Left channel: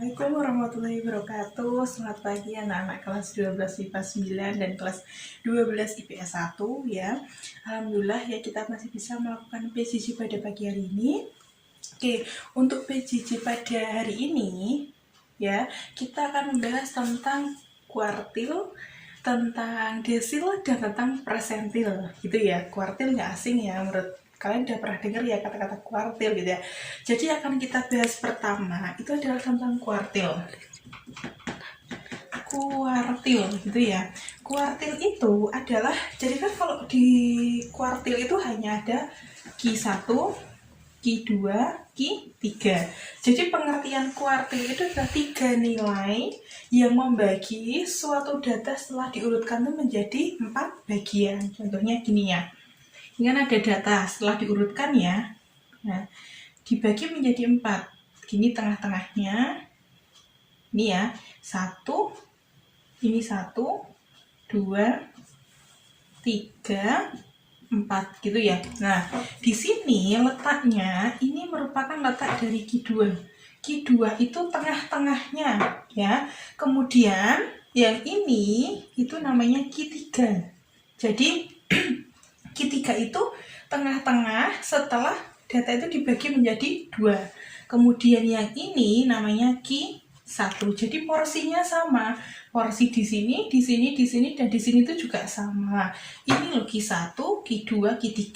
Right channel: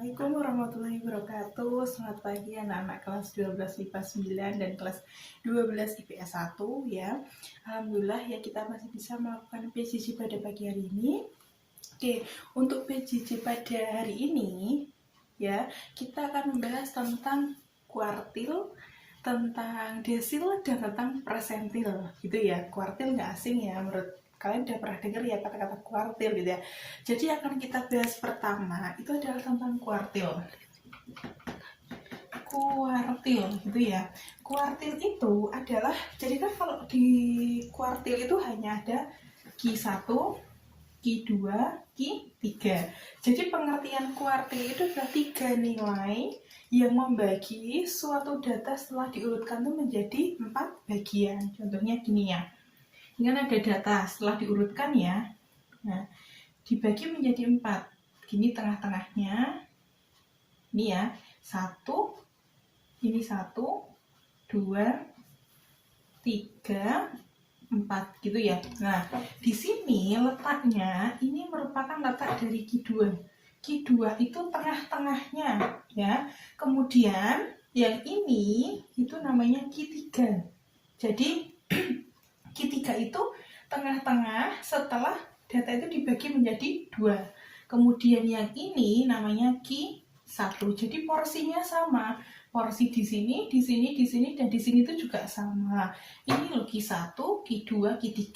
Assalamualaikum warahmatullahi wabarakatuh. Selamat pagi anak-anak kelas 12 IPA 9 dan kelas 12 IPS 1 ya. Alhamdulillah ya kita masih bisa melakukan PJJ pada pagi hari ini. Oke, untuk PJJ pada hari ini ya, kita akan membahas tentang kuartil, tentang desil dan tentang persentil gitu ya. Kuartil nggak asing ya menurut kalian udah pernah dengar ya kata-kata kuartil gitu ya. Jadi akan kita bahas pertama itu adalah tentang kuartil. Kuartil gitu ya. Kuartil itu adalah, jadi kan kalau di kuartil itu hanya ada Q1, Q2, Q3. Jadi pengertian kuartil itu adalah 3 nilai yang membagi suatu data setelah diurutkan itu menjadi 4 bagian. Contohnya gini ya. Ini kan ada data setelah diurutkan ya. Nah, dibagi menjadi 4. Gini tengah-tengahnya. Ini ya, 1, ini 1, 2, 3, 4 gitu ya. Nah, di sini letaknya ini merupakan letak dari Q2. Q2 itu tengah-tengahnya ya. Kemudian yang ini itu namanya Q3. Jadi Q3 itu tengah-tengah setelah data itu dibagi menjadi 2. Kemudian yang ini namanya Q1. Jadi porsinya sama. Porsi di sini, di sini, di sini, dan di sini itu juga sama. Ini loh Q1, Q2, Q3.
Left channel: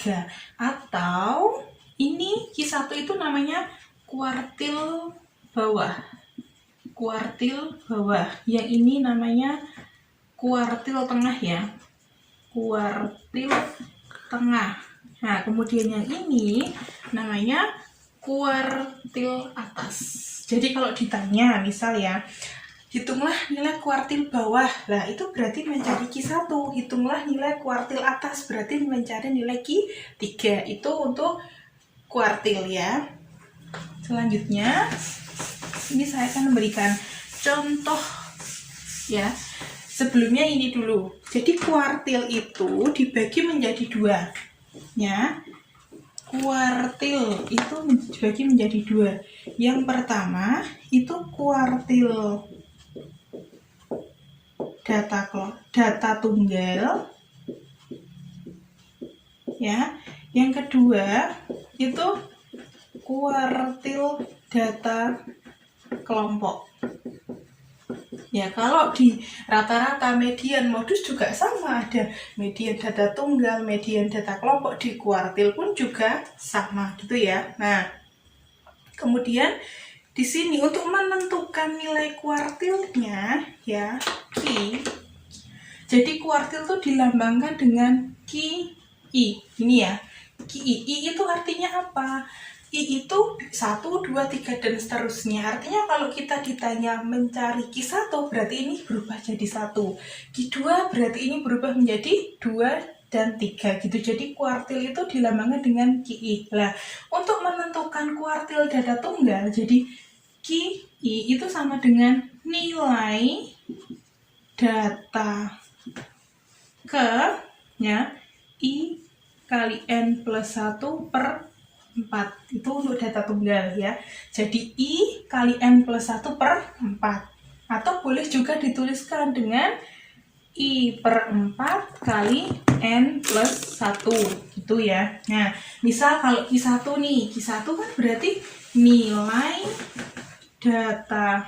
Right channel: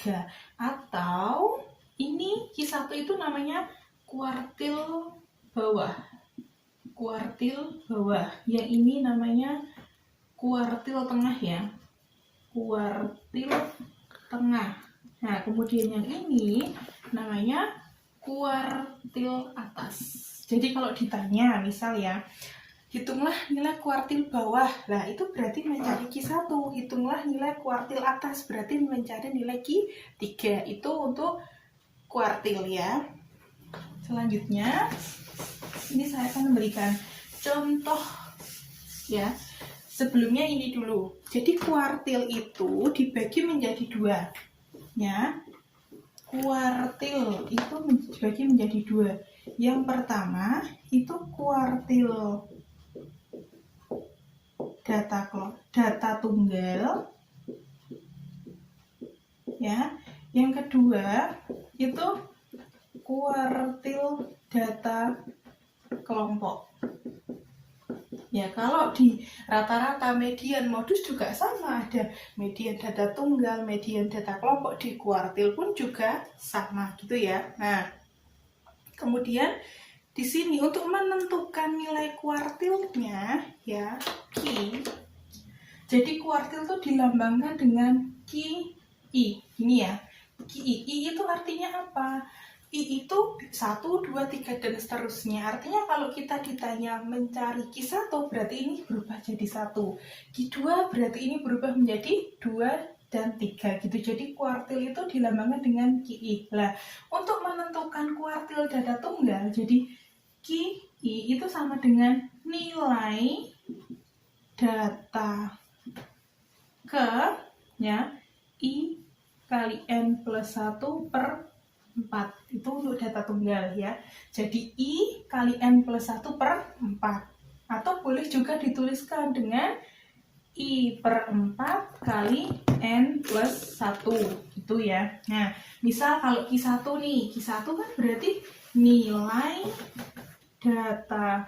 Atau ini Q1 itu namanya kuartil bawah. Kuartil bawah. Yang ini namanya kuartil tengah ya. Kuartil tengah. Nah, kemudian yang ini namanya kuartil atas. Jadi kalau ditanya misal ya, hitunglah nilai kuartil bawah. Nah, itu berarti mencari Q1. Hitunglah nilai kuartil atas, berarti mencari nilai Q3. Itu untuk kuartil ya. Selanjutnya, ini saya akan memberikan contoh ya. Sebelumnya ini dulu. Jadi kuartil itu dibagi menjadi 2. Ya. Kuartil itu dibagi menjadi 2. Yang pertama itu kuartil data tunggal ya. Yang kedua itu kuartil data kelompok. Ya, kalau di rata-rata median modus juga sama, ada median data tunggal, median data kelompok, di kuartil pun juga sama gitu ya. Nah, kemudian di sini untuk menentukan nilai kuartilnya ya, Q. Jadi kuartil itu dilambangkan dengan QI. Ini ya. QI. I itu artinya apa? I itu 1, 2, 3 dan seterusnya. Artinya kalau kita ditanya mencari Q1 berarti ini berubah jadi 1. Q2 berarti ini berubah menjadi 2 dan 3 gitu. Jadi kuartil itu dilambangkan dengan QI. Nah, untuk menentukan kuartil data tunggal, jadi QI itu sama dengan nilai data ke ya I kali N plus 1 per 4. Itu untuk data tunggal ya. Jadi I kali N plus 1 per 4. Atau boleh juga dituliskan dengan I per 4 kali N plus 1 gitu ya. Nah, misal kalau Q1 nih, Q1 kan berarti nilai data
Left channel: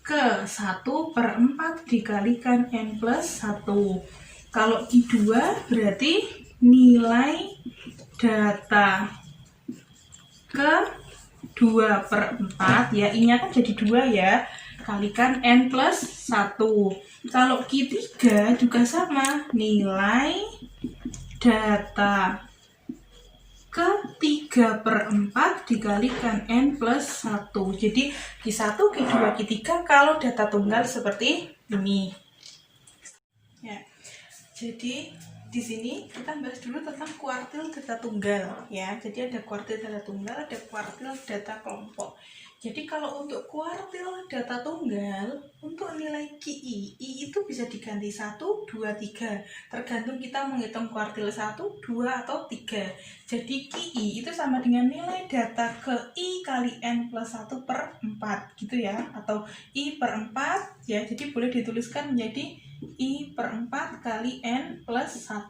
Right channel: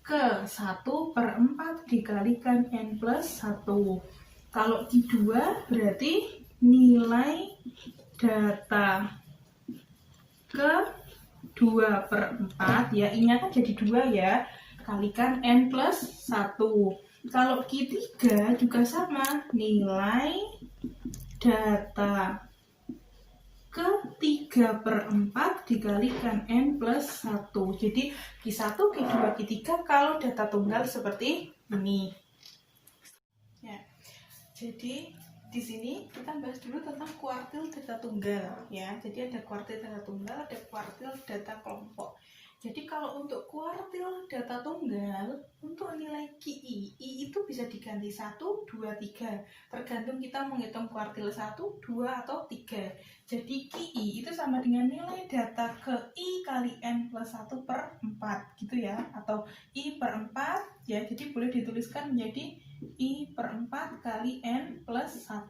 ke 1 per 4 dikalikan N plus 1. Kalau Q2 berarti nilai data ke 2 per 4 ya, I-nya kan jadi 2 ya, kalikan N plus 1. Kalau Q3 juga sama, nilai data ke 3 per 4 dikalikan N plus 1. Jadi Q1, Q2, Q3 kalau data tunggal seperti ini ya. Jadi di sini kita bahas dulu tentang kuartil data tunggal ya. Jadi ada kuartil data tunggal, ada kuartil data kelompok. Jadi kalau untuk kuartil data tunggal, untuk nilai QI, I itu bisa diganti 1, 2, 3. Tergantung kita menghitung kuartil 1, 2, atau 3. Jadi QI itu sama dengan nilai data ke I kali N plus 1 per 4 gitu ya, atau I per 4 ya, jadi boleh dituliskan menjadi I per 4 kali N plus 1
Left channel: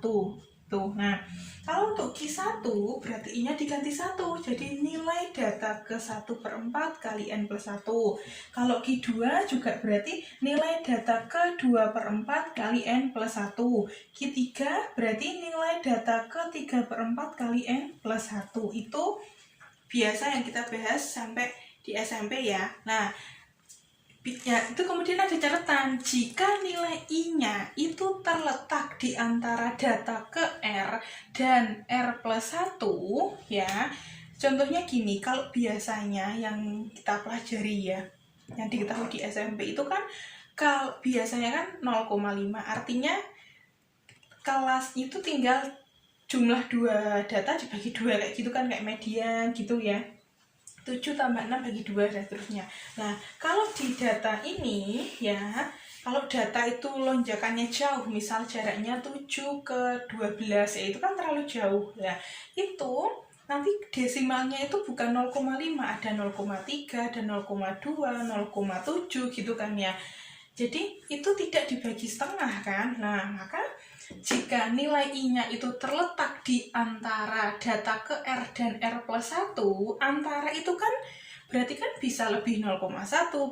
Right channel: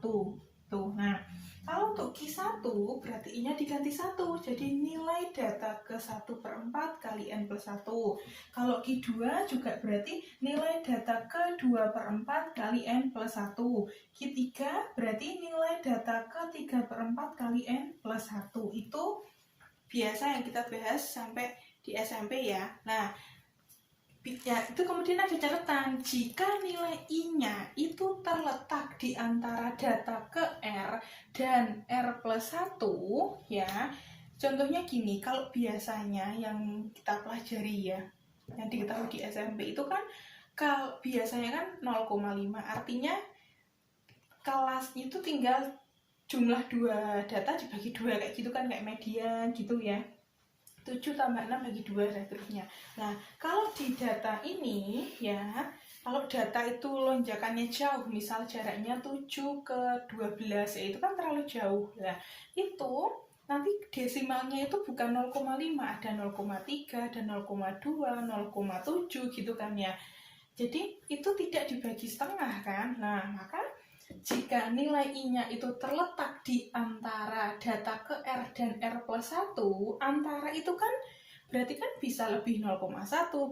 tuh. Nah, kalau untuk Q1 berarti I-nya diganti 1, jadi nilai data ke 1 per 4 kali N plus 1. Kalau Q2 juga berarti nilai data ke 2 per 4 kali N plus 1. Q3 berarti nilai data ke 3 per 4 kali N plus 1. Itu biasa yang kita bahas sampai di SMP ya. Nah, ya, itu kemudian ada catatan, jika nilai I-nya itu terletak di antara data ke R dan R plus 1 ya. Contohnya gini, kalau biasanya yang kita pelajari ya, yang diketahui di SMP itu kan kalau biasanya kan 0,5, artinya kelas itu tinggal jumlah dua data dibagi dua kayak gitu kan, kayak median gitu ya. 7 tambah 6 bagi 2 dan seterusnya. Nah, kalau di data ini ya, kalau data itu lonjakannya jauh, misal jaraknya 7 ke 12 ya, itu kan terlalu jauh. Nah, itu nanti desimalnya itu bukan 0,5, ada 0,3, ada 0,2, 0,7 gitu kan ya. Jadi itu tidak dibagi setengah kan. Nah, maka jika nilai I-nya itu terletak di antara data ke R dan R plus 1, antara itu kan berarti kan bisa lebih 0,1,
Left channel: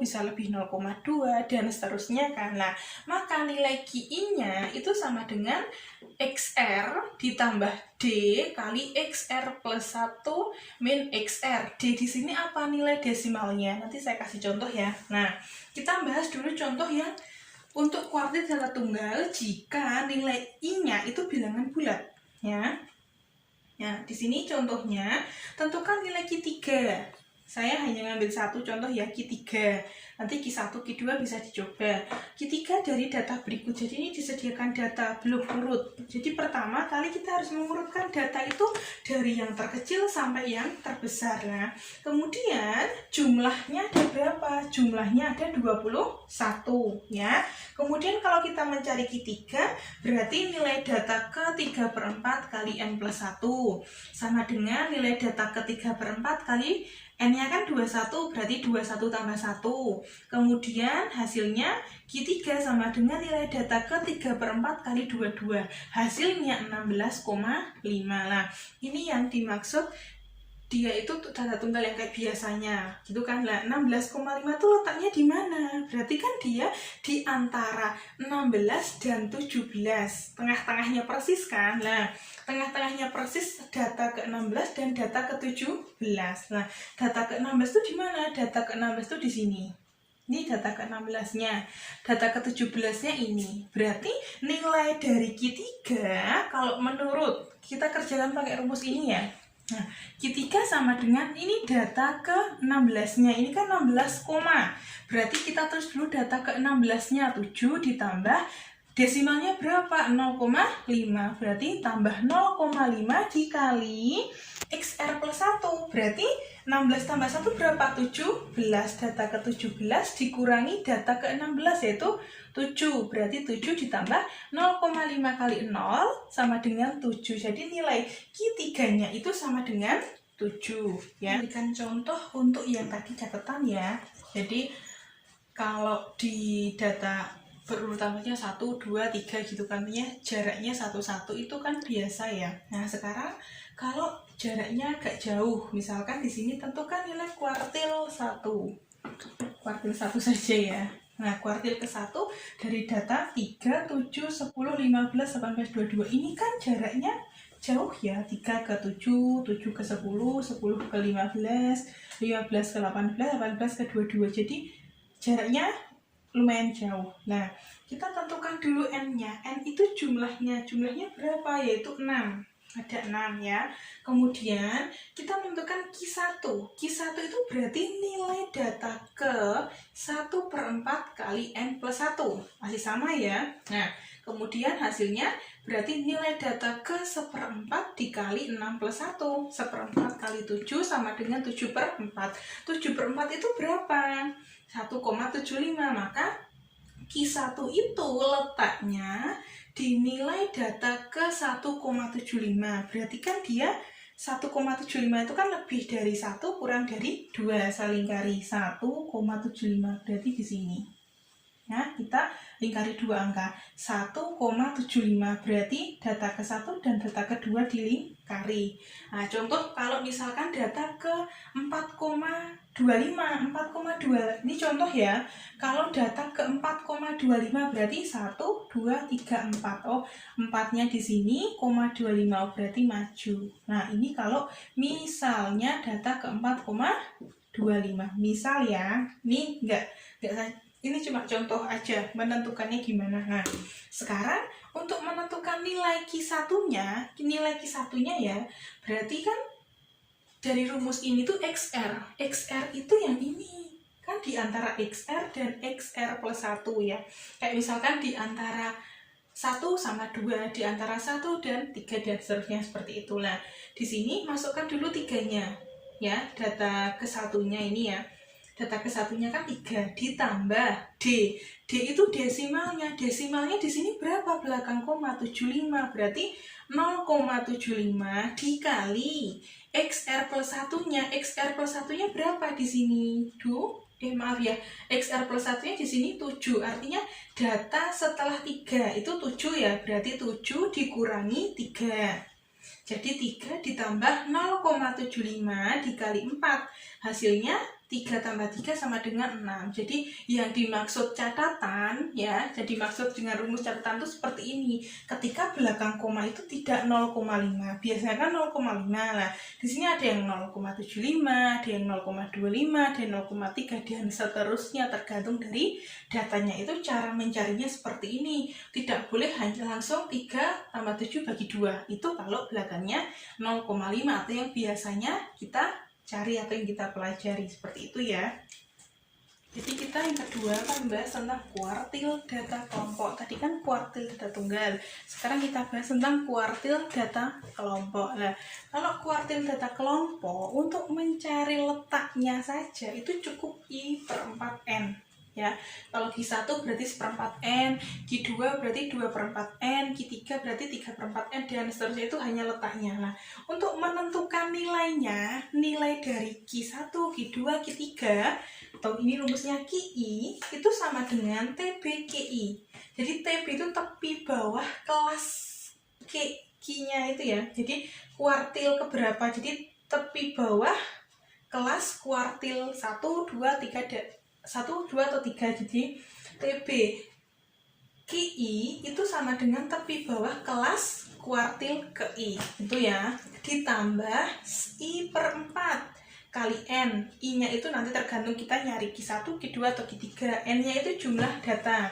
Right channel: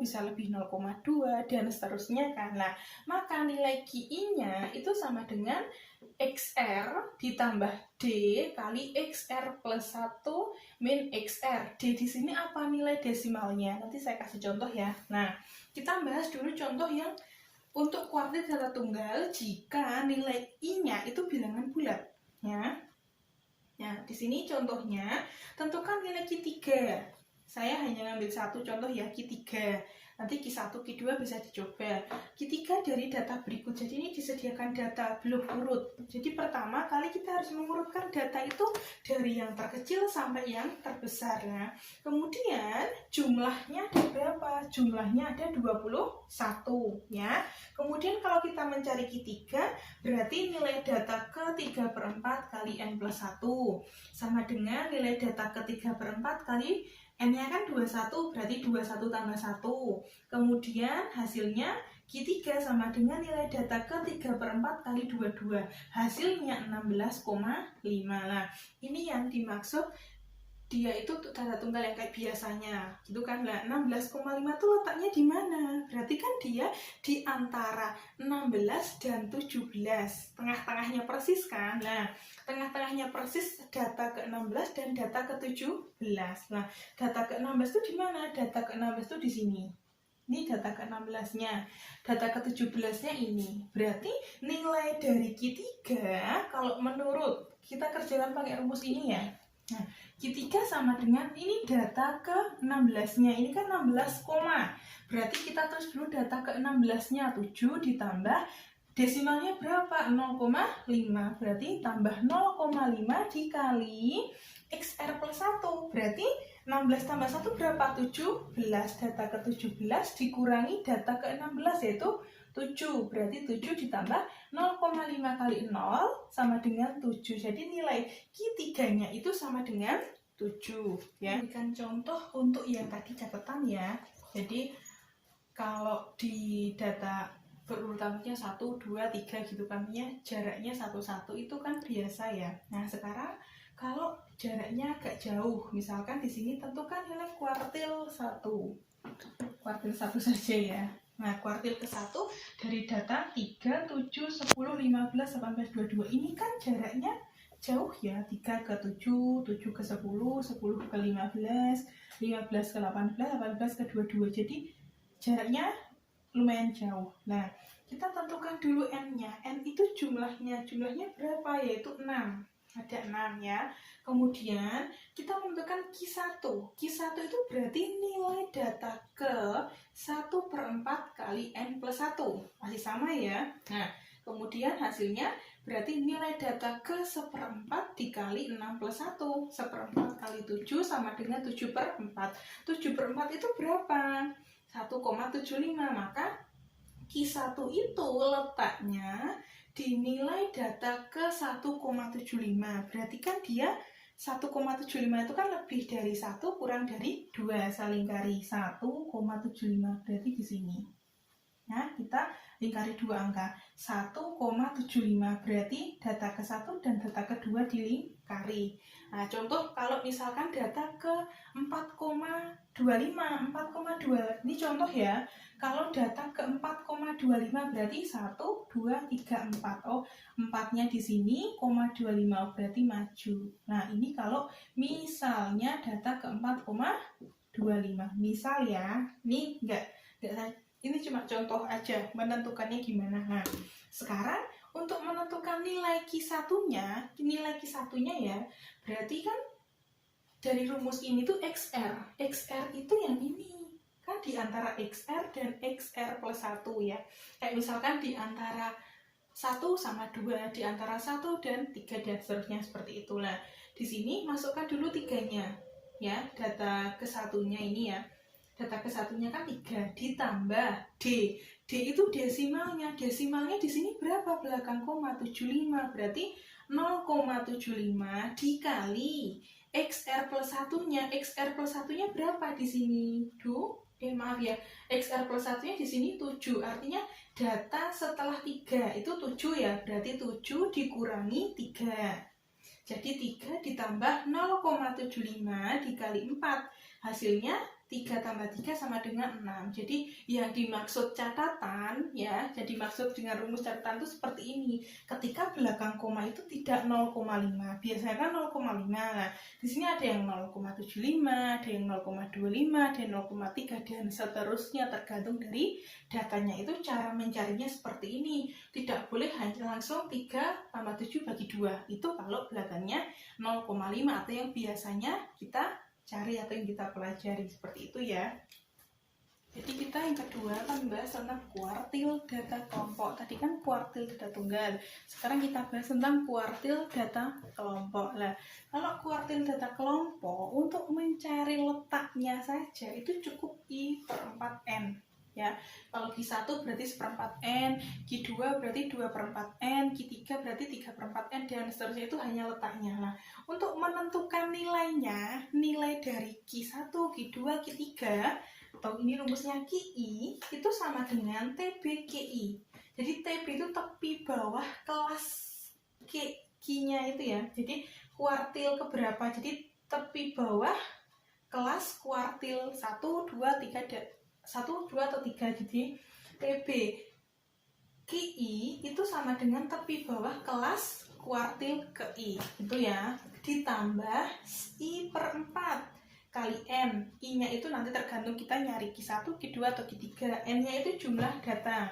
bisa lebih 0,2, dan seterusnya kan. Nah, maka nilai QI-nya itu sama dengan XR ditambah D kali XR plus 1 min XR. D di sini apa nilai desimalnya? Nanti saya kasih contoh ya. Nah, kita bahas dulu contoh yang untuk kuartil data tunggal jika nilai I-nya itu bilangan bulat ya. Ya, di sini contohnya tentukan nilai Q3. Saya hanya ngambil satu contoh ya, Q3. Nanti Q1, Q2 bisa dicoba. Q3 dari data berikut. Jadi ini disediakan data belum urut. Jadi pertama kali kita harus mengurutkan data itu dari yang terkecil sampai yang terbesar. Nah, kemudian jumlahnya ada berapa? Jumlahnya ada 21 ya. Kemudian kalau kita mencari Q3 berarti nilai data ke 3 per 4 kali N plus 1 sama dengan nilai data ke 3 per 4 kali N-nya kan 21, berarti 21 tambah 1. Kemudian hasilnya Q3 sama dengan nilai data ke 3 per 4 kali 22. Hasilnya 16,5. Nah, ini yang dimaksud dia itu data tunggal yang kayak biasanya gitu kan. Nah, 16,5 itu letaknya di mana? Berarti kan dia di antara 16 dan 17, tengah-tengahnya persis kan. Nah, tengah-tengahnya persis data ke-16 dan data ke-17. Nah, data ke-16 itu di mana? Data ke-16 itu di sini. Ini data ke-16-nya. Data ke-17-nya ini. Berarti nilai dari Q3 kalau menurut kita kerjakan pakai rumus ini ya. Nah, Q3 sama dengan ini data ke-16-nya. Ini kan 16, berarti kita tulis dulu data ke-16-nya 7 ditambah desimalnya berapa? 0,5. Berarti tambah 0,5 dikali XR plus 1. Berarti 16 tambah 1 berapa? 17. Data ke-17 dikurangi data ke-16 yaitu 7. Berarti 7 ditambah 0,5 kali 0 sama dengan 7. Jadi nilai Q3-nya itu sama dengan 7 ya. Berikan contoh untuk yang tadi catatan ya. Jadi kalau di data berurutannya 1, 2, 3 gitu kan ya, jaraknya 1, 1 itu kan biasa ya. Nah, sekarang kalau jaraknya agak jauh, misalkan di sini tentukan nilai kuartil 1. Kuartil 1 saja ya. Nah, kuartil ke-1 dari data 3, 7, 10, 15, 18, 22. Ini kan jaraknya jauh ya. 3 ke 7, 7 ke 10, 10 ke 15, 15 ke 18, 18 ke 22. Jadi jaraknya lumayan jauh. Nah, kita tentukan dulu N-nya. N itu jumlahnya berapa? Yaitu 6. Ada 6 ya. Kemudian kita menentukan Q1. Q1 itu berarti nilai data ke 1 per 4 kali N plus 1. Masih sama ya. Nah, kemudian hasilnya berarti nilai data ke 1/4 dikali 6 plus 1. 1/4 kali 7 sama dengan 7 per 4. 7 per 4 itu berapa? 1,75. Maka Q1 itu letaknya dinilai data ke 1,75. Berarti kan dia 1,75 itu kan lebih dari 1 kurang dari 2. Saya lingkari 1,75 berarti di sini. Nah, kita lingkari dua angka 1,75 berarti data ke 1 dan data kedua dilingkari. Nah, contoh kalau misalkan data ke 4,25 ini contoh ya. Kalau data ke 4,25 berarti 1, 2, 3, 4. Oh, 4-nya di sini, 0,25 berarti maju. Nah, ini kalau misalnya data ke 4,25. Misal ya, ini enggak ini cuma contoh aja menentukannya gimana. Nah, sekarang untuk menentukan nilai Q1-nya, ya, berarti kan dari rumus ini tuh XR. XR itu yang ini. Kan di antara XR dan XR plus 1 ya. Kayak misalkan di antara 1 sama 2, di antara 1 dan 3 dan seterusnya seperti itulah. Di sini masukkan dulu 3-nya. Ya, data ke 1-nya ini ya. Data ke 1-nya kan 3 ditambah D. D itu desimalnya. Desimalnya di sini berapa? Belakang koma 75. Berarti 0,75 dikali XR plus 1-nya. XR plus 1-nya berapa di sini? Maaf ya. XR plus 1-nya di sini 7. Artinya data setelah 3 itu 7 ya. Berarti 7 dikurangi 3. Jadi 3 ditambah 0,75 dikali 4. Hasilnya 3 tambah 3 sama dengan 6. Jadi yang dimaksud catatan ya, jadi maksud dengan rumus catatan itu seperti ini. Ketika belakang koma itu tidak 0,5. Biasanya kan 0,5. Nah, di sini ada yang 0,75, ada yang 0,25, ada yang 0,3 dan seterusnya tergantung dari datanya. Itu cara mencarinya seperti ini. Tidak boleh hanya langsung 3 tambah 7 bagi 2. Itu kalau belakangnya 0,5 atau yang biasanya kita cari atau yang kita pelajari seperti itu ya. Jadi kita yang kedua akan membahas tentang kuartil data kelompok. Tadi kan kuartil data tunggal. Sekarang kita bahas tentang kuartil data kelompok. Nah, kalau kuartil data kelompok untuk mencari letaknya saja itu cukup I/4N. Ya, kalau Q1 berarti 1/4N, Q2 berarti 2/4N, Q3 berarti 3/4N dan seterusnya, itu hanya letaknya. Nah, untuk menentukan nilainya, nilai dari Q1, Q2, Q3, atau ini rumusnya QI, itu sama dengan TB QI. Jadi TB itu tepi bawah kelas Q-nya itu ya. Jadi kuartil keberapa? Jadi tepi bawah kelas kuartil 1, 2, 3, 1, 2, atau 3. Jadi TB QI itu sama dengan tepi bawah kelas kuartil ke I. Itu ya. Ditambah I/4 kali N. I-nya itu nanti tergantung kita nyari Q1, Q2, atau Q3. N-nya itu jumlah data.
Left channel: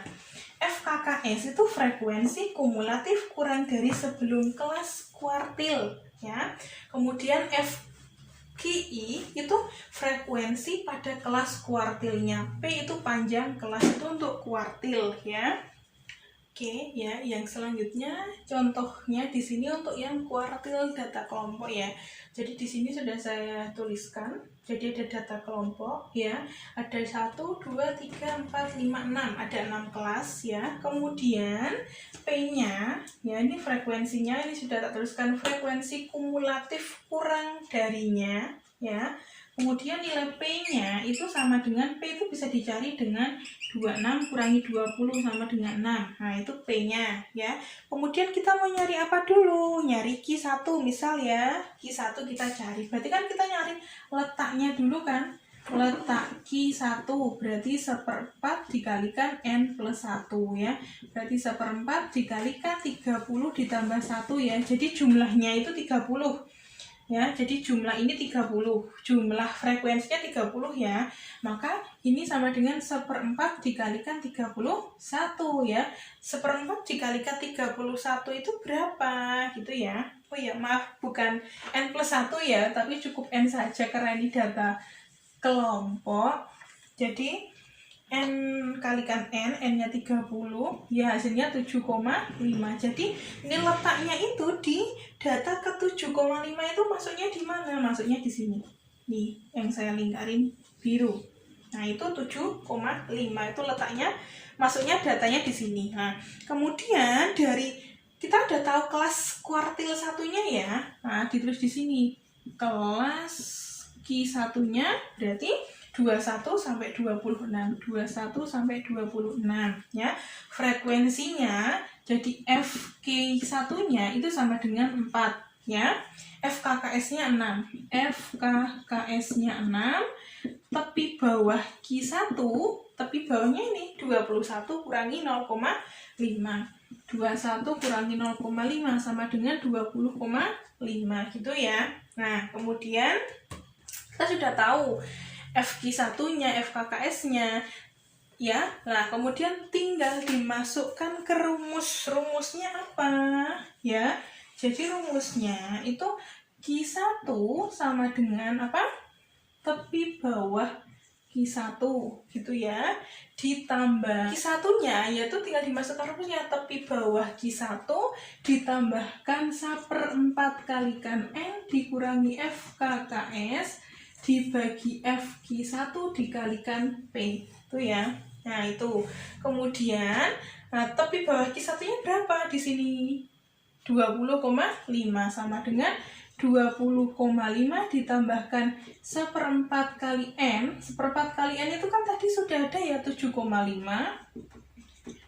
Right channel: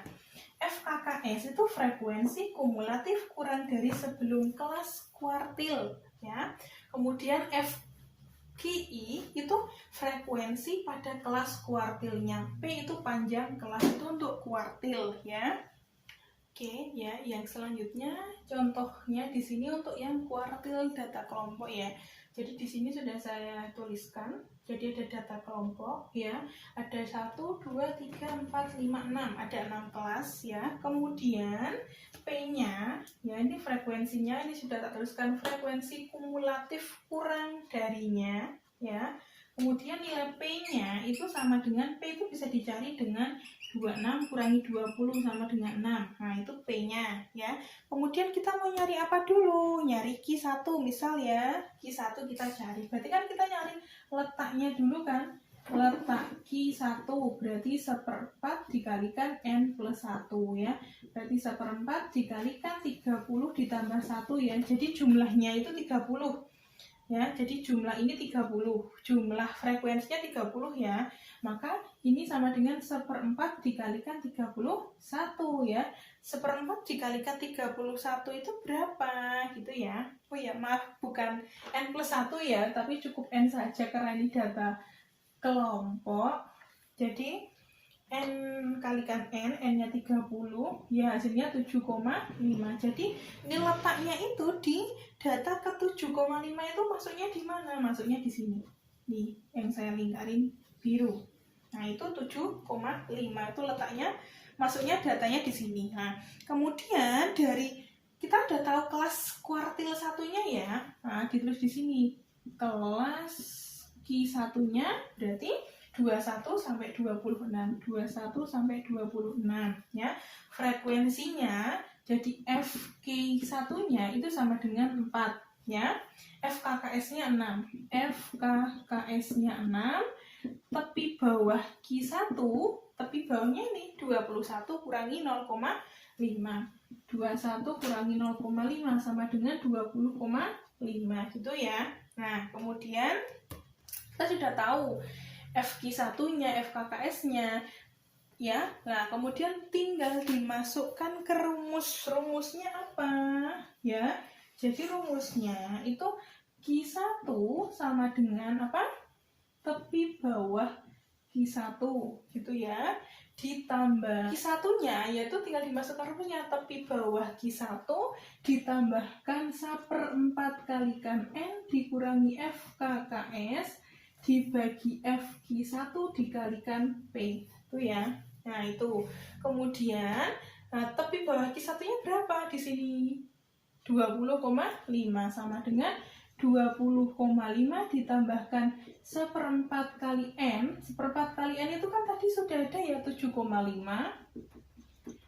FKKS itu frekuensi kumulatif kurang dari sebelum kelas kuartil ya. Kemudian QI itu frekuensi pada kelas kuartilnya. P itu panjang kelas itu untuk kuartil ya. Oke ya, yang selanjutnya contohnya di sini untuk yang kuartil data kelompok ya. Jadi di sini sudah saya tuliskan. Jadi ada data kelompok ya. Ada 1, 2, 3, 4, 5, 6. Ada 6 kelas ya. Kemudian P-nya ya, ini frekuensinya, ini sudah tak tuliskan, frekuensi kumulatif kurang darinya ya. Kemudian nilai P-nya itu sama dengan, P itu bisa dicari dengan 26 kurangi 20 sama dengan 6. Nah, itu P-nya ya. Kemudian kita mau nyari apa dulu? Nyari Q1 misal ya. Q1 kita cari. Berarti kan kita nyari letaknya dulu kan. Letak Q1 berarti 1/4 dikalikan N plus 1 ya. Berarti 1/4 dikalikan 30 ditambah 1 ya. Jadi jumlahnya itu 30 ya. Jadi jumlah ini 30, jumlah frekuensinya 30 ya. Maka ini sama dengan 1/4 dikalikan 31 ya. 1/4 dikalikan 31 itu berapa gitu ya. Oh ya, maaf, bukan N plus 1 ya, tapi cukup N saja karena ini data kelompok. Jadi N kalikan N, N-nya 30, ya hasilnya 7,5. Jadi ini letaknya itu di data ke 7,5 itu masuknya di mana? Masuknya di sini. Nih, yang saya lingkarin biru. Nah, itu 7,5 itu letaknya, masuknya datanya di sini. Nah, kemudian dari kita udah tahu kelas kuartil satunya ya. Nah, ditulis di sini. Kelas Q1-nya berarti 21 sampai 26. 21 sampai 26 ya. Frekuensinya jadi FK1-nya itu sama dengan 4 ya. FKKS-nya 6. FKKS-nya 6. Tepi bawah Q1, tepi bawahnya ini 21 kurangi 0,5. 21 kurangi 0,5 sama dengan 20,5 gitu ya. Nah, kemudian kita sudah tahu FQ1-nya, FKKS-nya ya. Nah, kemudian tinggal dimasukkan ke rumus. Rumusnya apa? Ya. Jadi rumusnya itu Q1 sama dengan apa? Tepi bawah Q1 gitu ya, ditambah Q1-nya yaitu tinggal dimasukkan rumusnya, tepi bawah Q1 ditambahkan 1/4 kalikan N dikurangi FKKS dibagi FQ1 dikalikan P itu ya. Nah, itu. Kemudian tepi bawah Q1-nya berapa di sini? 20,5 sama dengan 20,5 ditambahkan 1/4 kali N. 1/4 kali N itu kan tadi sudah ada ya, 7,5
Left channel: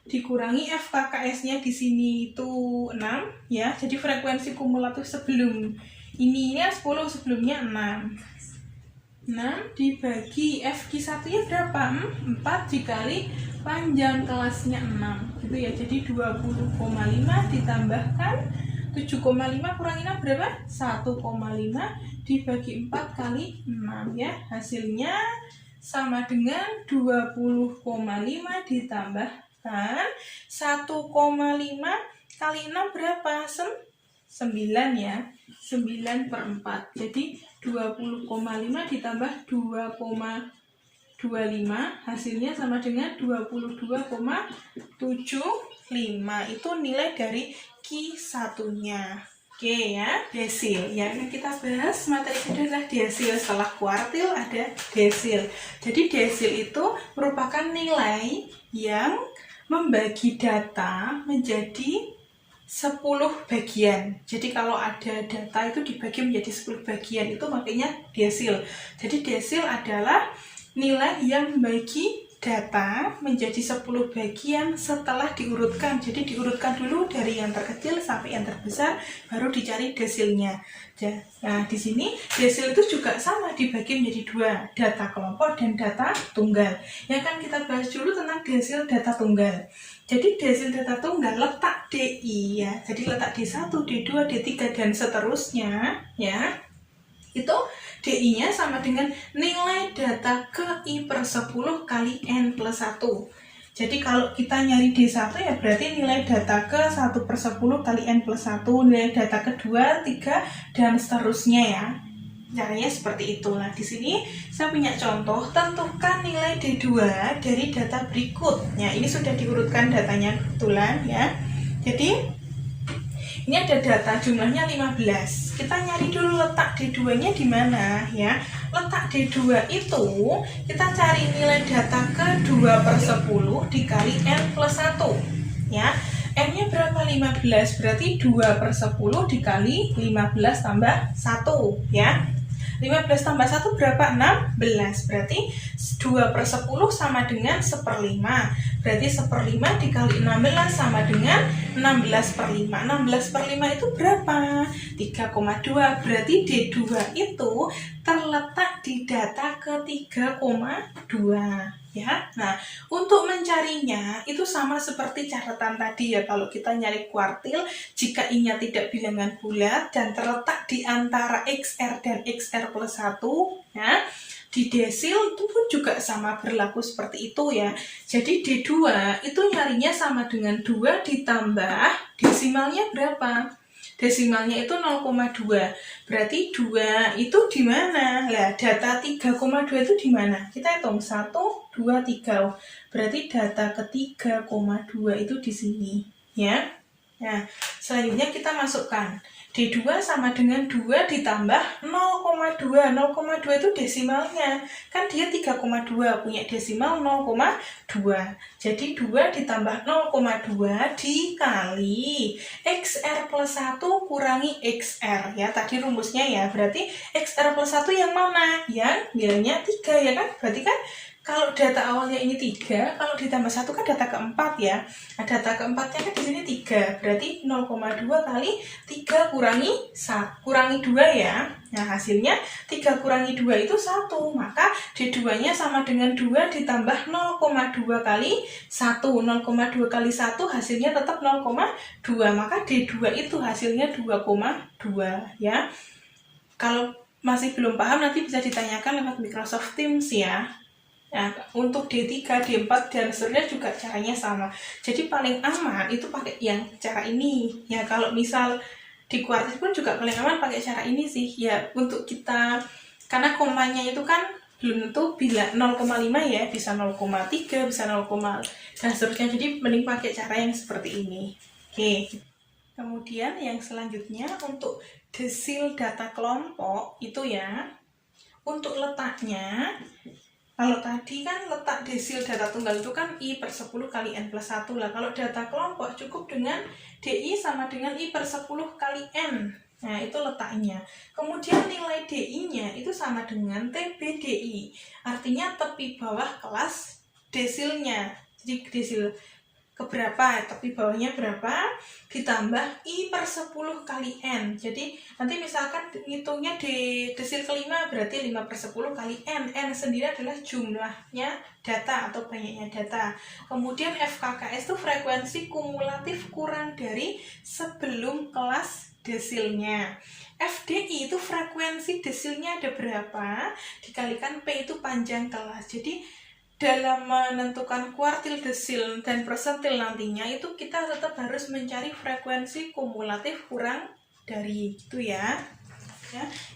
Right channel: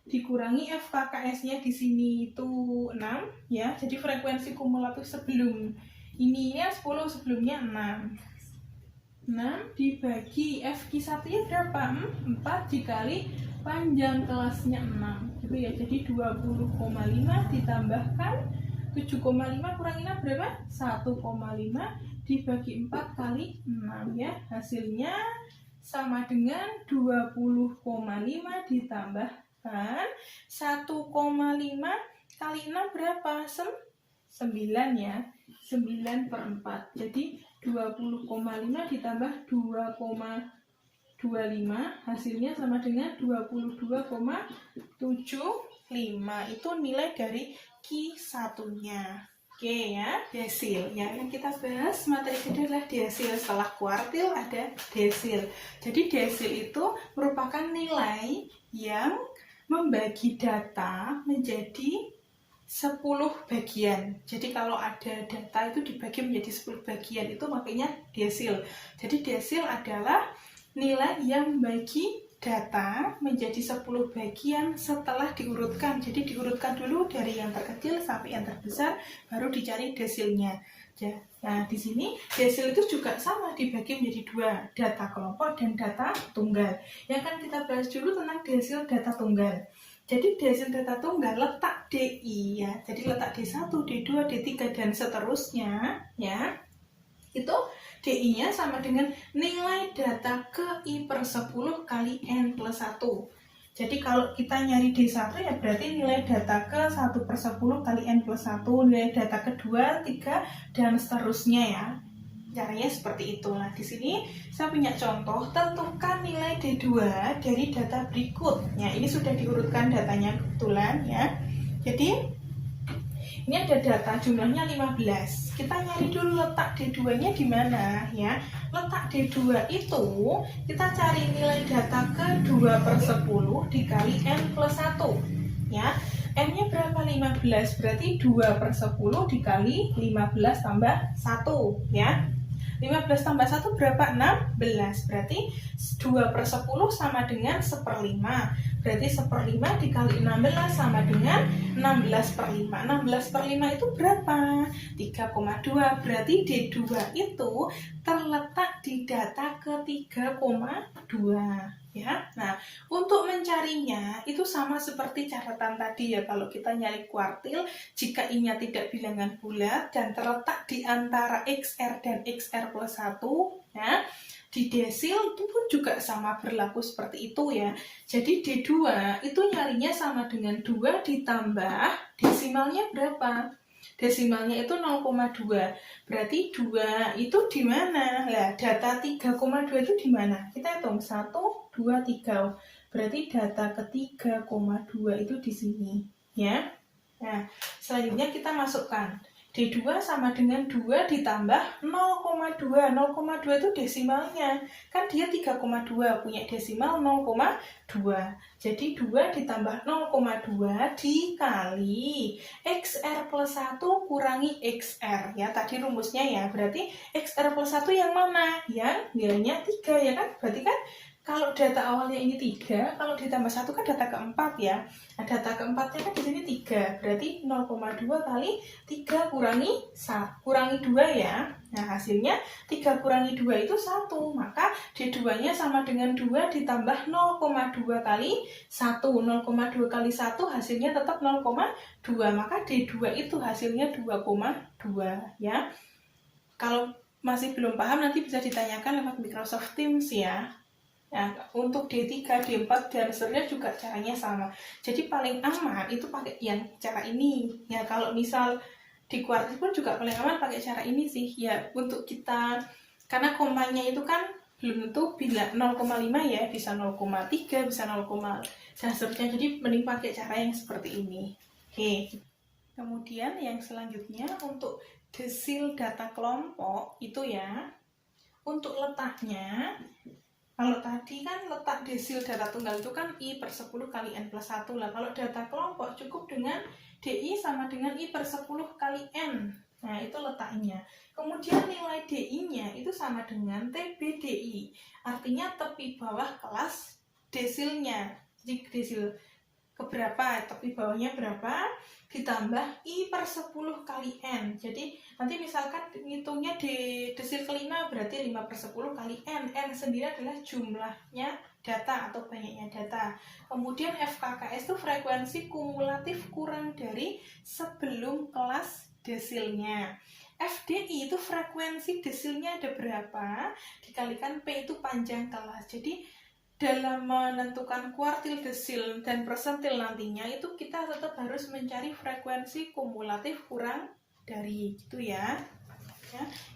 dikurangi FKKS-nya di sini itu 6 ya. Jadi frekuensi kumulatif sebelum ini ya 10, sebelumnya 6 dibagi FQ1-nya berapa? 4 dikali panjang kelasnya 6 gitu ya. Jadi 20,5 ditambahkan 7,5 kurangi 6 berapa? 1,5 dibagi 4 kali 6 ya. Hasilnya sama dengan 20,5 ditambahkan 1,5 kali 6 berapa? 9 ya. 9/4. Jadi 20,5 ditambah 2,25 hasilnya sama dengan 22,75. Itu nilai dari Q1-nya. Oke ya, desil. Yang kita bahas materi kedua adalah desil. Setelah kuartil ada desil. Jadi desil itu merupakan nilai yang membagi data menjadi 10 bagian. Jadi kalau ada data itu dibagi menjadi 10 bagian, itu makanya desil. Jadi desil adalah nilai yang membagi data menjadi 10 bagian setelah diurutkan. Jadi diurutkan dulu dari yang terkecil sampai yang terbesar, baru dicari desilnya. Nah, di sini desil itu juga sama dibagi menjadi 2, data kelompok dan data tunggal. Ya kan, kita bahas dulu tentang desil data tunggal. Jadi desil data tunggal letak DI ya. Jadi letak D1, D2, D3 dan seterusnya ya. Itu DI-nya sama dengan nilai data ke I/10 kali N+1. Jadi kalau kita nyari D1 ya berarti nilai data ke 1/10 kali N+1, nilai data kedua, 3 dan seterusnya ya. Caranya seperti itu. Nah, di sini saya punya contoh, tentukan nilai D2 dari data berikut. Ya, ini sudah diurutkan datanya kebetulan ya. Jadi ini ada data jumlahnya 15. Kita nyari dulu letak D2-nya di mana ya. Letak D2 itu kita cari nilai data ke 2/10 dikali N+1 ya. N-nya berapa? 15. Berarti 2/10 dikali 15 tambah 1 ya. 15 tambah 1 berapa? 16. Berarti 2/10 sama dengan 1/5. Berarti 1/5 dikali 16 sama dengan 16/5. 16/5 itu berapa? 3,2. Berarti D2 itu terletak di data ke 3,2 ya. Nah, untuk mencarinya itu sama seperti catatan tadi ya. Kalau kita nyari kuartil, jika I-nya tidak bilangan bulat dan terletak di antara XR dan XR+1 ya, di desil itu pun juga sama berlaku seperti itu ya. Jadi D2 itu nyarinya sama dengan 2 ditambah desimalnya berapa? Desimalnya itu 0,2. Berarti 2 itu di mana? Lah, data 3,2 itu di mana? Kita hitung 1, 2, 3. Berarti data ke 3,2 itu di sini, ya. Nah, selanjutnya kita masukkan D2 sama dengan 2 ditambah 0,2. 0,2 itu desimalnya. Kan dia 3,2, punya desimal 0,2. Jadi 2 ditambah 0,2 dikali XR plus 1 kurangi XR. Ya, tadi rumusnya ya. Berarti XR plus 1 yang mana? Yang nilainya 3 ya kan? Berarti kan kalau data awalnya ini 3, kalau ditambah 1 kan data keempat ya. Nah, data keempatnya kan di sini 3. Berarti 0,2 kali 3 kurangi 2 ya. Nah, hasilnya 3 kurangi 2 itu 1. Maka D2-nya sama dengan 2 ditambah 0,2 kali 1. 0,2 kali 1 hasilnya tetap 0,2. Maka D2 itu hasilnya 2,2 ya. Kalau masih belum paham nanti bisa ditanyakan lewat Microsoft Teams ya. Nah, untuk D3, D4, dan seterusnya juga caranya sama. Jadi paling aman itu pakai yang cara ini. Ya, kalau misal di kuartil pun juga paling aman pakai cara ini sih. Ya, untuk kita, karena komanya itu kan belum tentu bila 0,5 ya, bisa 0,3, bisa 0, dan seterusnya. Jadi mending pakai cara yang seperti ini. Oke. Kemudian yang selanjutnya untuk desil data kelompok itu ya, untuk letaknya, kalau tadi kan letak desil data tunggal itu kan I per 10 kali N plus 1 lah. Kalau data kelompok cukup dengan DI sama dengan I per 10 kali N. Nah, itu letaknya. Kemudian nilai DI-nya itu sama dengan TBDI. Artinya tepi bawah kelas desilnya. Jadi desil keberapa, tepi bawahnya berapa, ditambah I per 10 kali N. Jadi nanti misalkan ngitungnya di desil kelima berarti 5 per 10 kali N. N sendiri adalah jumlahnya data atau banyaknya data. Kemudian FKKS itu frekuensi kumulatif kurang dari sebelum kelas desilnya. FDI itu frekuensi desilnya ada berapa dikalikan P itu panjang kelas. Jadi dalam menentukan kuartil, desil, dan persentil nantinya itu kita tetap harus mencari frekuensi kumulatif kurang dari itu ya.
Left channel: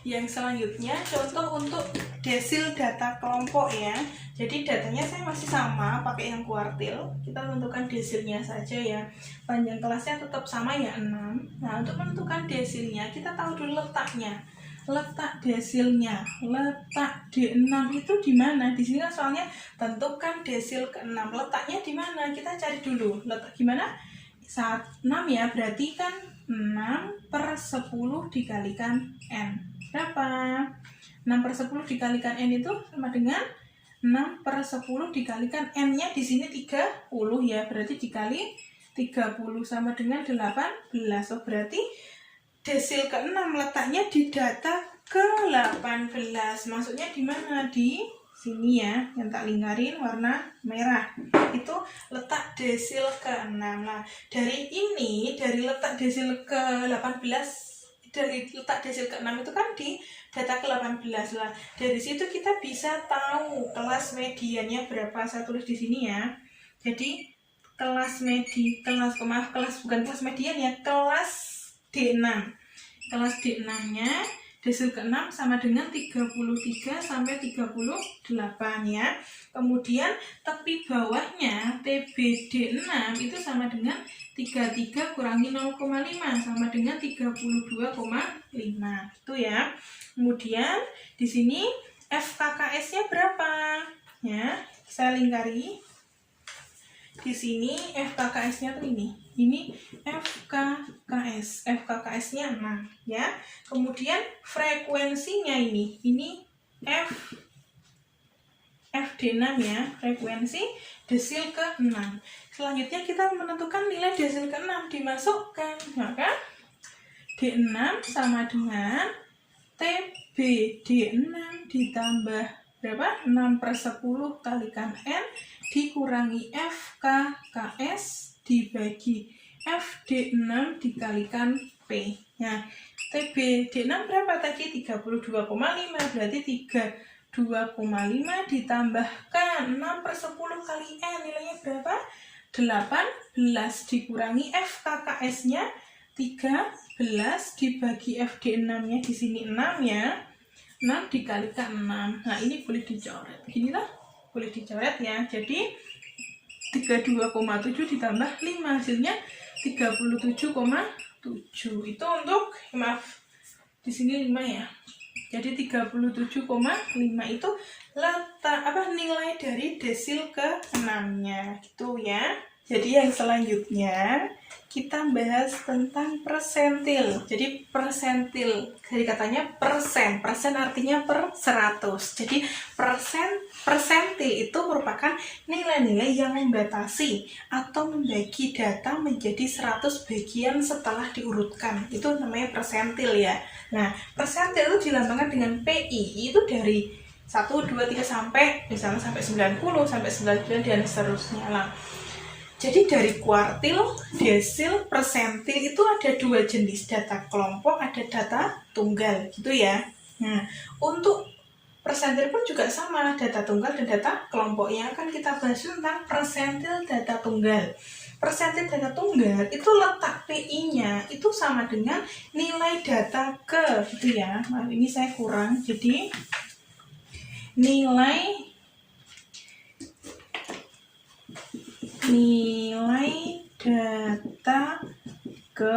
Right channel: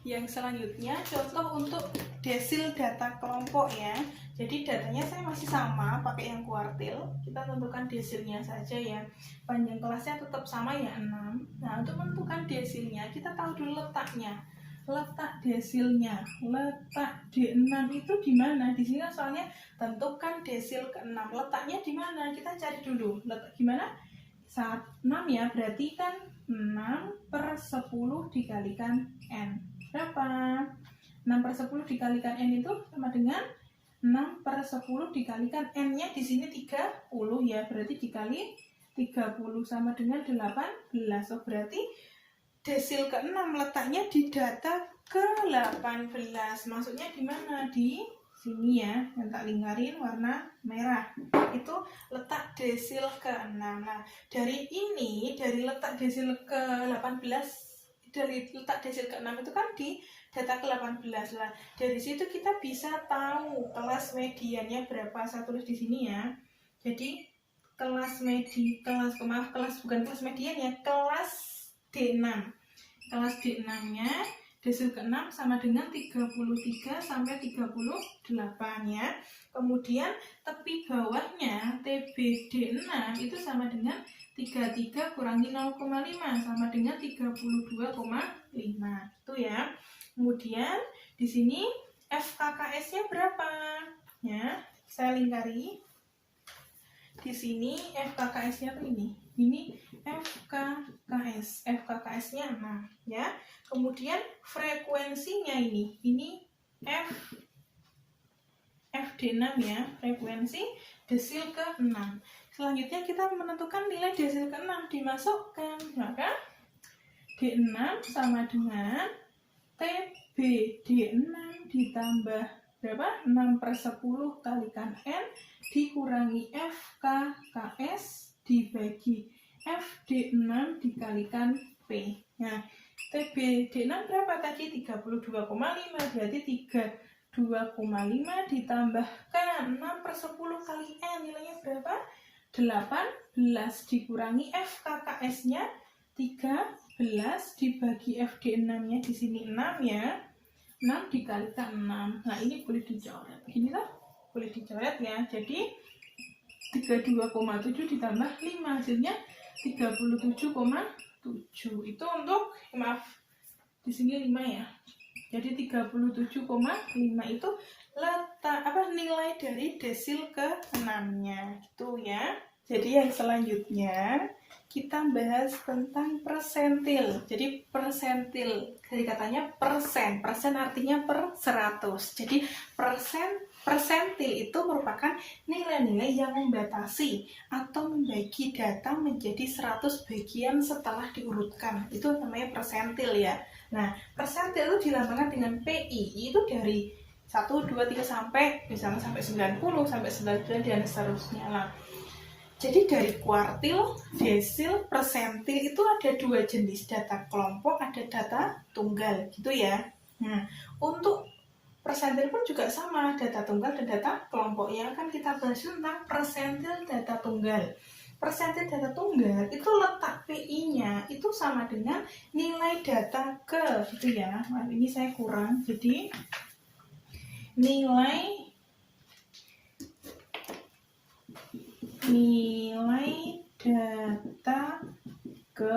Yang selanjutnya contoh untuk desil data kelompok ya. Jadi datanya saya masih sama pakai yang kuartil. Kita tentukan desilnya saja ya. Panjang kelasnya tetap sama ya 6. Nah, untuk menentukan desilnya kita tahu dulu letaknya. Letak desilnya, letak D6 itu di mana? Di sini kan soalnya tentukan desil ke-6. Letaknya di mana? Kita cari dulu. Letak gimana? Saat 6 ya, berarti kan 6 per 10 dikalikan N. Berapa? 6 per 10 dikalikan N itu sama dengan 6 per 10 dikalikan N-nya di sini 30 ya. Berarti dikali 30 sama dengan 18. Oh, berarti desil ke-6 letaknya di data ke-18. Maksudnya di mana? Di sini ya, yang tak lingkarin warna merah. Itu letak desil ke-6. Nah, dari ini, dari letak desil ke-18, dari letak desil ke-6 itu kan di data ke-18 lah. Dari situ kita bisa tahu kelas mediannya berapa. Saya tulis di sini ya. Jadi kelas bukan kelas median ya, kelas D6. Kelas D6-nya desil ke-6 sama dengan 33 sampai 38 ya. Kemudian tepi bawahnya TBD6 itu sama dengan 33 kurangi 0,5 sama dengan 32,5. Itu ya. Kemudian di sini FKKS-nya berapa? Ya, saya lingkari. Di sini FKKS-nya tuh ini. Ini FKKS. FKKS-nya 6 ya. Kemudian frekuensinya ini FD6 ya, frekuensi desil ke-6. Selanjutnya kita menentukan nilai desil ke-6 dimasukkan. Maka D6 sama dengan TBD6 ditambah berapa? 6 per 10 kalikan N dikurangi FKKS dibagi FD6 dikalikan P. Nah, TBD6 berapa tadi? 32,5. Berarti 32,5 ditambahkan 6 per 10 kali N. Nilainya berapa? 18 dikurangi FKKS-nya 13 dibagi FD6-nya di sini 6 ya. 6 dikalikan 6. Nah, ini boleh dicoret. Beginilah, boleh dicoret ya. Jadi 32,7 ditambah 5 hasilnya 37,5 Itu untuk, maaf, di sini 5 ya. Jadi 37,5 itu nilai dari desil ke-6-nya gitu ya. Jadi yang selanjutnya kita bahas tentang persentil. Jadi persentil dari katanya persen. Persen artinya per 100. Jadi persentil itu merupakan nilai-nilai yang membatasi atau membagi data menjadi 100 bagian setelah diurutkan. Itu namanya persentil ya. Nah, persentil itu dilambangkan dengan PI, itu dari 1, 2, 3 sampai misalnya sampai 90, sampai 99 dan seterusnya lah. Jadi dari kuartil, desil, persentil itu ada 2 jenis, data kelompok, ada data tunggal gitu ya. Nah, untuk persentil pun juga sama, data tunggal dan data kelompok. Yang akan kita bahas tentang persentil data tunggal. Persentil data tunggal itu letak PI-nya itu sama dengan nilai data ke gitu ya. Nah, ini saya kurang, jadi nilai data ke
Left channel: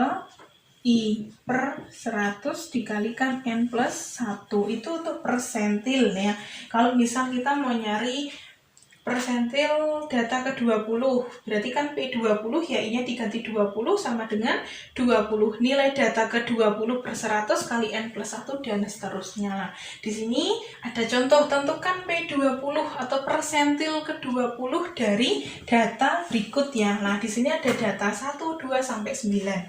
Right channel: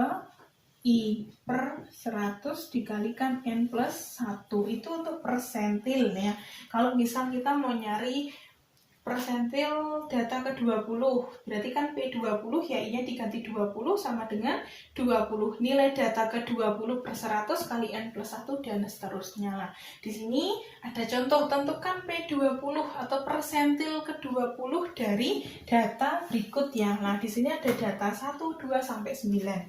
I per 100 dikalikan N plus 1 itu untuk persentil ya. Kalau misal kita mau nyari persentil data ke 20, berarti kan P20 ya I-nya diganti 20 sama dengan 20. Nilai data ke 20 per 100 kali N plus 1 dan seterusnya lah. Di sini ada contoh, tentukan P20 atau persentil ke 20 dari data berikut ya. Nah, di sini ada data 1, 2 sampai 9.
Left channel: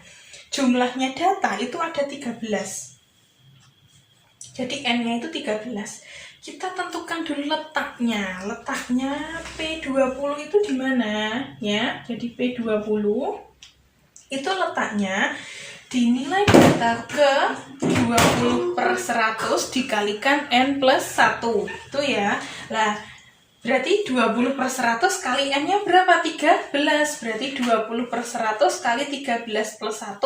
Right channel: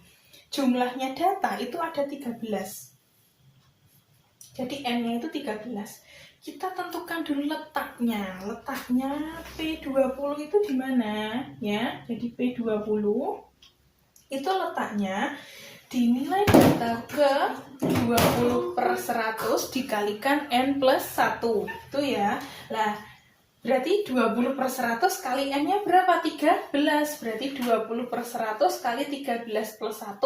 Jumlahnya data itu ada 13. Jadi N-nya itu 13. Kita tentukan dulu letaknya. Letaknya P20 itu di mana ya? Jadi P20 itu letaknya di nilai data ke 20 per 100 dikalikan N plus 1 itu ya. Lah, berarti 20 per 100 kali N-nya berapa? 13. Berarti 20 per 100 kali 13 plus 1.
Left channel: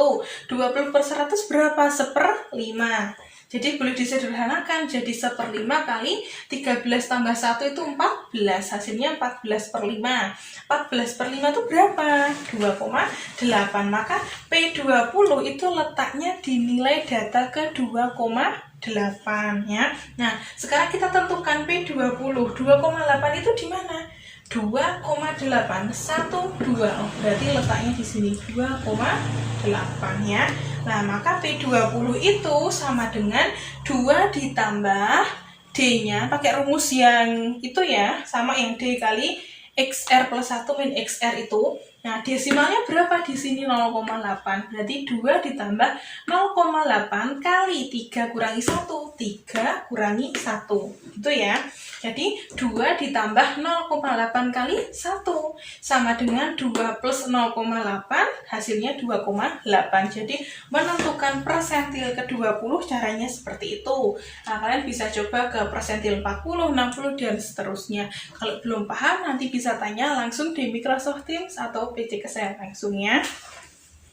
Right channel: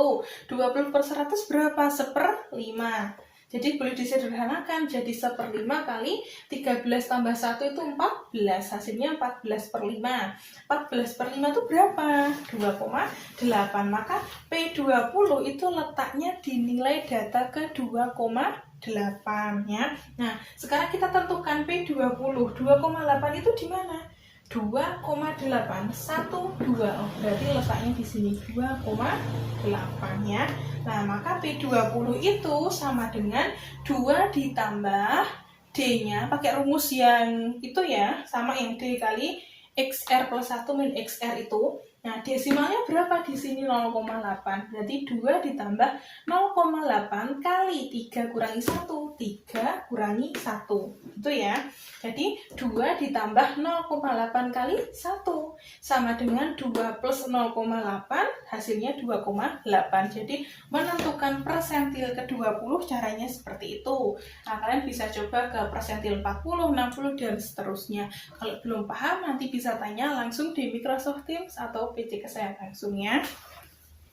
20 per 100 berapa? 1/5. Jadi boleh disederhanakan, jadi 1/5 kali 13 tambah 1 itu 14. Hasilnya 14/5. 14/5 itu berapa? 2,8. Maka P20 itu letaknya di nilai data ke 2,8 ya. Nah, sekarang kita tentukan P20. 2,8 itu di mana? 2,8 1 2. Oh, berarti letaknya di sini 2,8 ya. Nah, maka P20 itu sama dengan 2 ditambah D-nya pakai rumus yang itu ya, sama yang D kali XR plus 1 min XR itu. Nah, desimalnya berapa di sini? 0,8. Berarti 2 ditambah 0,8 kali 3 kurangi 1. 3 kurangi 1. Gitu ya. Jadi 2 ditambah 0,8 kali 1 sama dengan 2 plus 0,8 hasilnya 2,8. Jadi menentukan persentil ke 20 caranya seperti itu. Nah, kalian bisa coba ke persentil 40, 60 dan seterusnya. Kalau belum paham nanti bisa tanya langsung di Microsoft Teams atau PC ke saya langsung ya.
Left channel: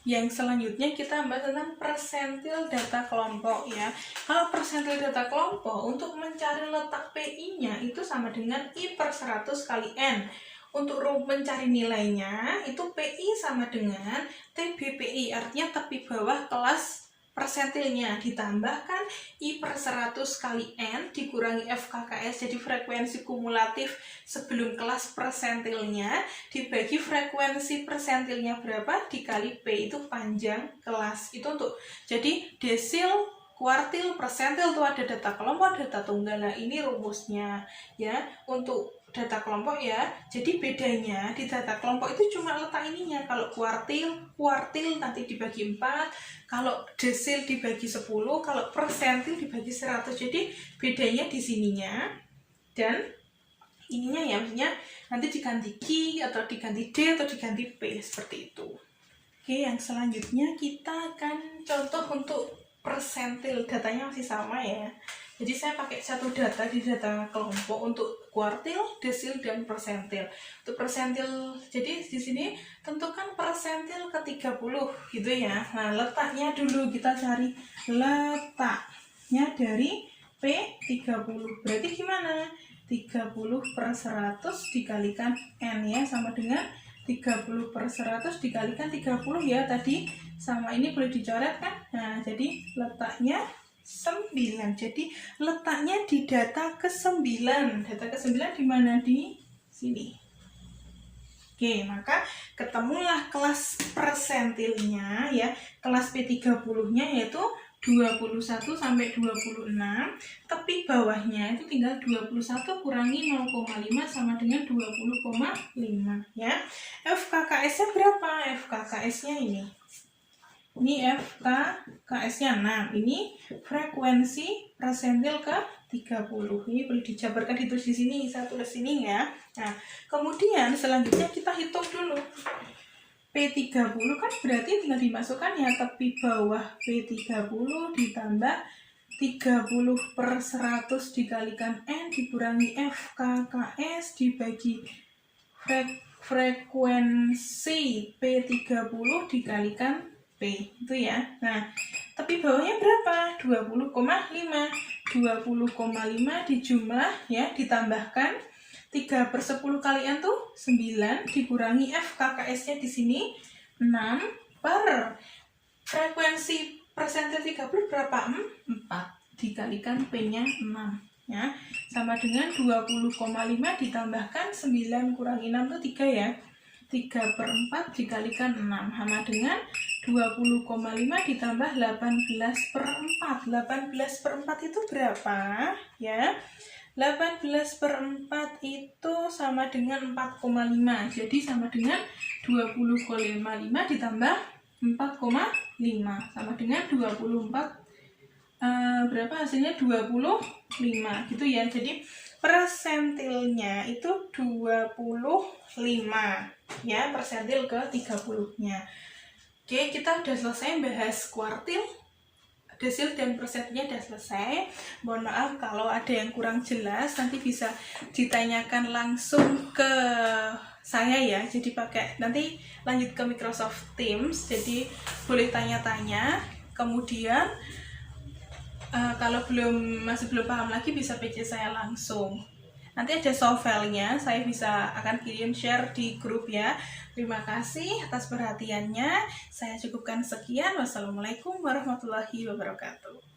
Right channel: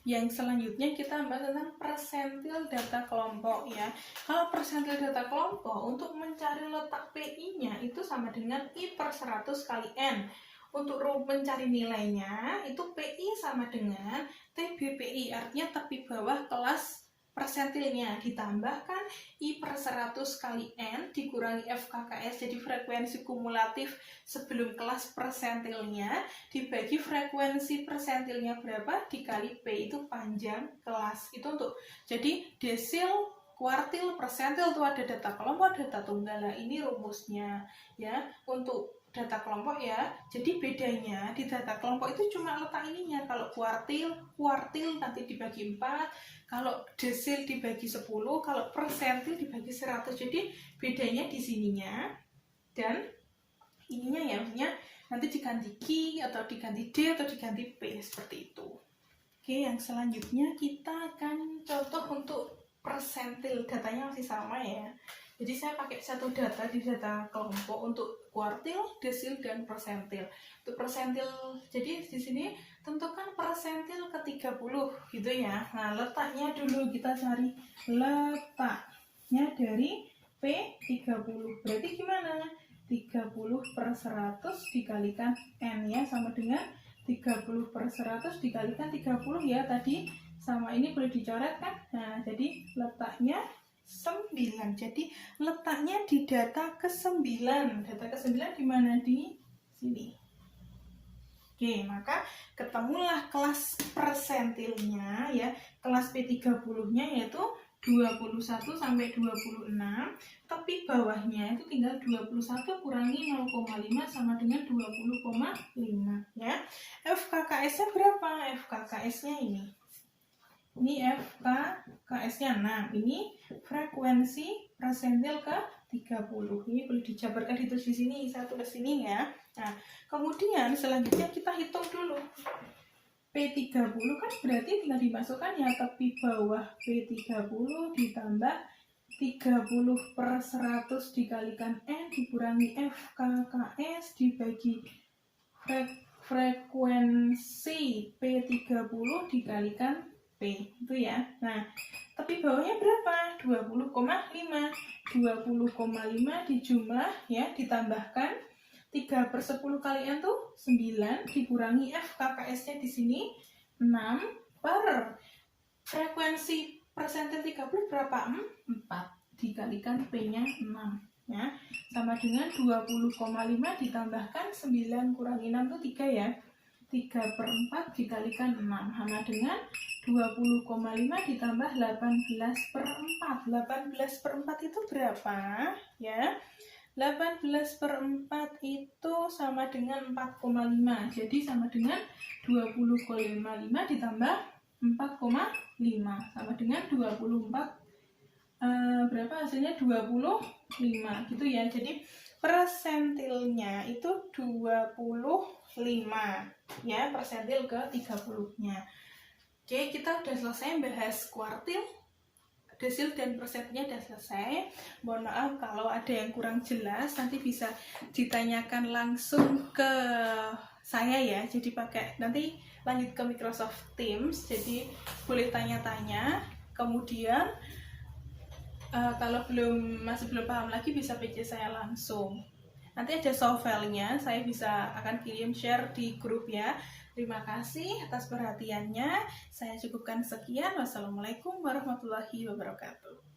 Yang selanjutnya kita bahas tentang persentil data kelompok ya. Kalau persentil data kelompok untuk mencari letak PI-nya itu sama dengan I per 100 kali N. Untuk mencari nilainya itu PI sama dengan TBPI, artinya tepi bawah kelas persentilnya ditambahkan I per 100 kali N dikurangi FKKS, jadi frekuensi kumulatif sebelum kelas persentilnya dibagi frekuensi persentilnya berapa dikali P, itu panjang kelas. Itu untuk, jadi desil, kuartil, persentil itu ada data kelompok, data tunggal. Nah, ini rumusnya ya untuk data kelompok ya. Jadi bedanya di data kelompok itu cuma letak ininya. Kalau kuartil nanti dibagi 4, kalau desil dibagi 10, kalau persentil dibagi 100. Jadi bedanya di sininya dan ininya ya, maksudnya nanti diganti Q atau diganti D atau diganti P seperti itu. Oke, yang selanjutnya kita akan contoh untuk persentil. Datanya masih sama ya. Jadi saya pakai satu data di data kelompok untuk kuartil, desil, dan persentil. Untuk persentil, jadi di sini tentukan persentil ke 30 gitu ya. Nah, letaknya dulu kita cari letaknya dari P30. Berarti gimana? 30 per 100 dikalikan N ya, sama dengan 30/100 dikalikan 30 ya tadi, sama ini boleh dicoret kan. Nah jadi letaknya 9. Jadi letaknya di data ke-9. Data ke-9 di mana? Di sini. Oke, maka ketemulah kelas persentilnya ya. Kelas P30-nya yaitu 21 sampai 26, tepi bawahnya itu tinggal 21 kurangi 0,5 sama dengan 20,5 ya. FKKS-nya berapa? FKKS-nya ini. Ini FKKS-nya 6. Ini frekuensi persentil ke 30. Ini boleh dijabarkan, ditulis di sini, saya tulis sini ya. Nah, kemudian selanjutnya kita hitung dulu. P30 kan berarti tinggal dimasukkan ya, tepi bawah P30 ditambah 30/100 dikalikan N dikurangi FKKS dibagi frekuensi P30 dikalikan P, itu ya. Nah, tepi bawahnya berapa? 20,5. 20,5 dijumlah ya, ditambahkan 3/10 kalian tuh 9 dikurangi FKKS-nya di sini 6 per frekuensi persentil 30 berapa? 4 dikalikan P-nya 6 ya, sama dengan 20,5 ditambahkan 9 kurangi 6 itu 3 ya. 3/4 dikalikan 6 sama dengan 20,5 ditambah 18/4. 18/4 itu berapa ya? 18/4 itu sama dengan 4,5. Jadi sama dengan 20,5 ditambah 4,5 sama dengan 24 berapa hasilnya? 25 gitu ya. Jadi persentilnya itu 25 ya, persentil ke 30-nya. Oke, kita udah selesai bahas kuartil, desil dan persentilnya udah selesai. Mohon maaf kalau ada yang kurang jelas, nanti bisa ditanyakan langsung ke saya ya. Jadi pakai, nanti lanjut ke Microsoft Teams, jadi boleh tanya-tanya. Kemudian kalau masih belum paham lagi bisa PC saya langsung. Nanti ada soft file-nya, saya akan kirim share di grup ya. Terima kasih atas perhatiannya. Saya cukupkan sekian. Wassalamualaikum warahmatullahi wabarakatuh.